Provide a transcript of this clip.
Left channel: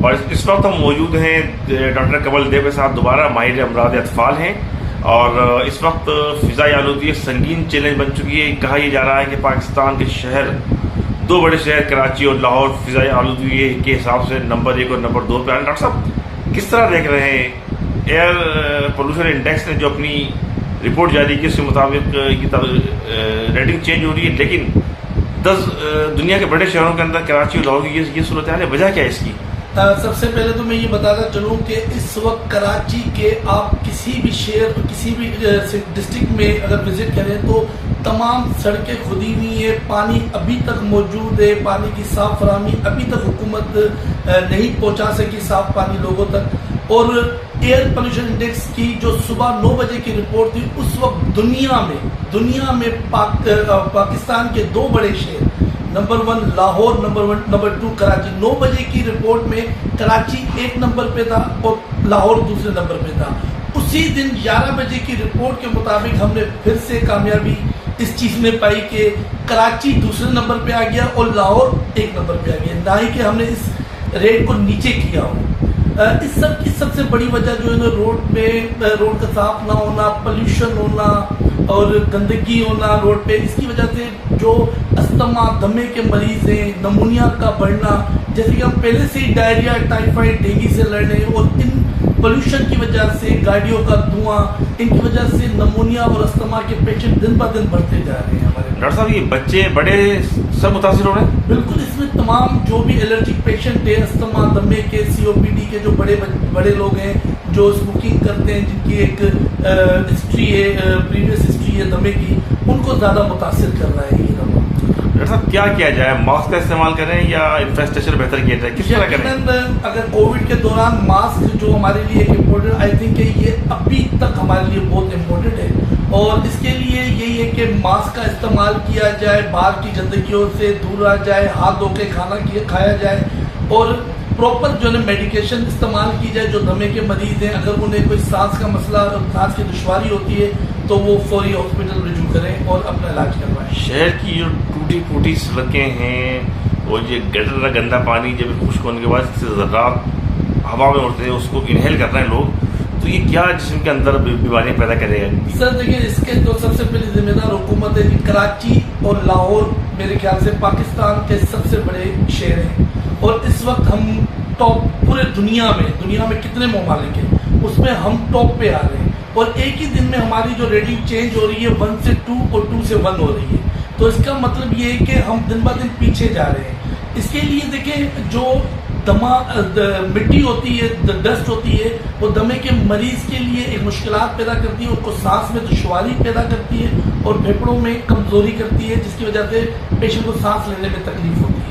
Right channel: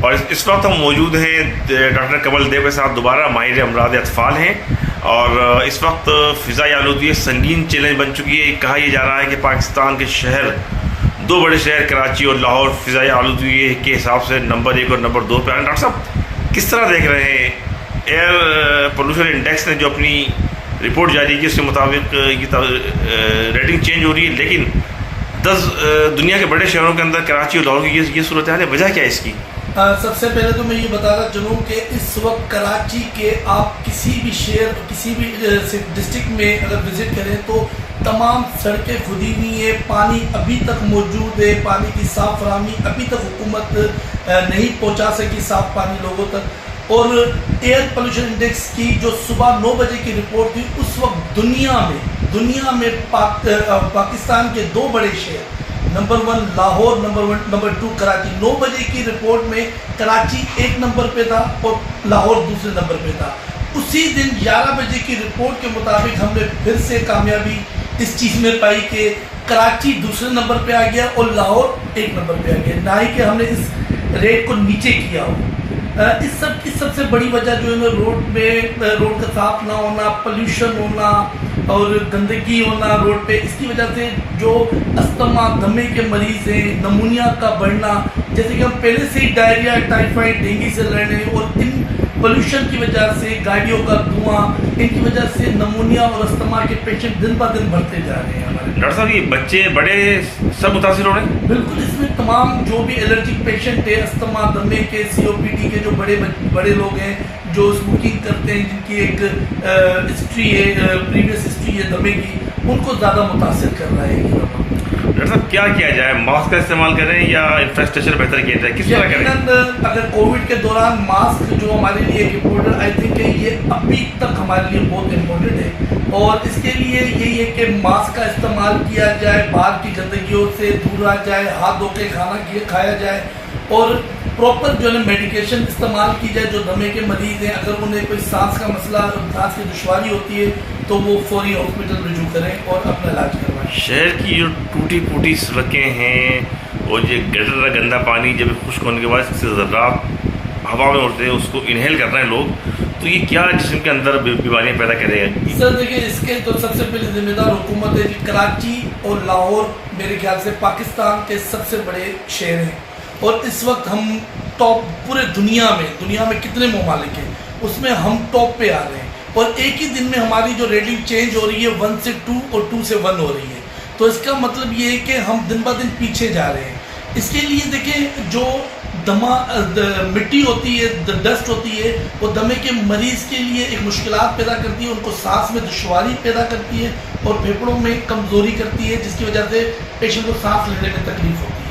اور اس وقت ہم موجود ہیں ڈاکٹر کمل دیو کے ساتھ دوبارہ، ماہر امراض اطفال ہیں، اور اس وقت فضائی آلودگی سنگین چیلنج بن چکی ہے۔ کہا یہ جا رہا ہے کہ پاکستان کے شہر، دو بڑے شہر کراچی اور لاہور، فضائی آلودگی کے حساب سے نمبر 1 اور نمبر 2 پہ آ رہے ہیں۔ ڈاکٹر صاحب کس طرح دیکھ رہے ہیں؟ ایئر پولوشن انڈیکس نے جو اپنی رپورٹ جاری کی، اس کے مطابق یہ ریٹنگ چینج ہو رہی ہے، لیکن 10 دنیا کے بڑے شہروں کے اندر کراچی اور لاہور کی یہ صورتحال ہے۔ وجہ کیا ہے اس کی؟ سب سے پہلے تو میں یہ بتانا چلوں کہ اس وقت کراچی کے آپ کسی بھی شہر، کسی بھی ڈسٹرکٹ میں اگر وزٹ کریں تو تمام سڑکیں کھدی ہوئی ہیں، پانی ابھی تک موجود ہے، پانی کی صاف فراہمی ابھی تک حکومت نہیں پہنچا سکی صاف پانی لوگوں تک۔ اور ایئر پولوشن انڈیکس کی جو صبح 9 بجے کی رپورٹ تھی، اس وقت دنیا میں پاکستان کے 2 بڑے شہر، نمبر 1 لاہور، نمبر 2 کراچی، 9 بجے کی رپورٹ میں کراچی 1 نمبر پہ تھا اور لاہور دوسرے نمبر پہ تھا۔ اسی دن 11 بجے کی رپورٹ کے مطابق ہم نے پھر سے کامیابی اس چیز میں پائی کہ کراچی دوسرے نمبر پہ آ گیا اور لاہور 1 نمبر پہ آ گیا، نہ ہی کہ ہم نے اس ریٹ کو نیچے کیا ہو۔ اس سب کی سب سے بڑی وجہ جو ہے نا روڈ کا صاف نہ ہونا، پولیوشن ہونا اور گندگی ہونا روڈ پہ، اس کی وجہ سے جو استھما، دمے کے مریض ہیں، نمونیا کا بڑھنا، جیسے کہ ہم پہلے سے ہی ڈائریا، ٹائیفائڈ، ڈینگی سے لڑ رہے ہیں، اور ان پولیوشن کی وجہ سے، گاڑیوں کا دھواں، ان کی وجہ سے نمونیا اور استھما کے پیشنٹ دن بہ دن بڑھتے جا رہے ہیں ہمارے۔ ڈاکٹر صاحب یہ بچے بڑے سب متاثر ہو رہے ہیں؟ بالکل، اس میں تمام جو بھی الرجک پیشنٹ ہے، استھما، دمے کے، COPD کے جو بڑے لوگ ہیں جو اسموکنگ کرتے ہیں، جن کی ایک ہسٹری ہے، پریویس ہسٹری ہے دمے کی، ان کو زیادہ متاثر کر رہا ہے یہ رقم۔ ڈاکٹر صاحب کیا کیا جائے؟ ماسک کا استعمال کریں یا انفراسٹرکچر بہتر کیا جائے؟ کس طرح کریں؟ اگر کووڈ کے دوران ماسک جو ہمارے لیے ایک امپورٹنٹ، آئی تھنک کہ یہ ابھی تک ہمارے لیے بہت امپورٹنٹ ہے، اور اس کے لیے یہی ہے کہ ماسک کا استعمال کیا جائے، باہر کی گندگیوں سے دور رہا جائے، ہاتھ دھو کے کھانا کھایا جائے، اور پراپر جو ہے میڈیکیشن استعمال کی جائے۔ جو دمے کے مریض ہیں، اگر انہیں کوئی سانس کا مسئلہ، سانس کی دشواری ہوتی ہے تو وہ فوری ہاسپٹل رجوع کریں اور اپنا علاج کروائیں۔ شہر کی جو ٹوٹی پھوٹی سڑکیں ہیں، اور یہ گٹر کا گندا پانی جب خشک ہونے کے بعد اس سے ذرات ہوا میں اڑتے ہیں، اس کو انہیل کر رہے ہیں لوگ، تو یہ کیا جسم کے اندر بیماریاں پیدا کرے گا؟ سر دیکھیں، اس کے تو سب سے پہلے ذمہ دار حکومت ہے کہ کراچی اور لاہور میرے خیال سے پاکستان کے سب سے بڑے شہر ہیں، اور اس وقت ہم ٹاپ پورے دنیا میں کتنے ممالک ہیں اس میں ہم ٹاپ پہ آ رہے ہیں، اور ایک ہی دن میں ہماری جو ریٹنگ چینج ہو رہی ہے 1 سے 2 اور 2 سے 1 ہو رہی ہے، تو اس کا مطلب یہ ہے کہ ہم دن بہ دن پیچھے جا رہے ہیں۔ اس کے لیے دیکھیں، جو مٹی ہوتی ہے، ڈسٹ ہوتی ہے، وہ دمے کے مریض کے لیے ایک مشکلات پیدا کرتی ہے، ان کو سانس میں دشواری پیدا کرتی ہے اور پھیپھڑوں میں کمزوری کرتی ہے، جس کی وجہ سے پیشنٹ کو سانس لینے میں تکلیف ہوتی ہے۔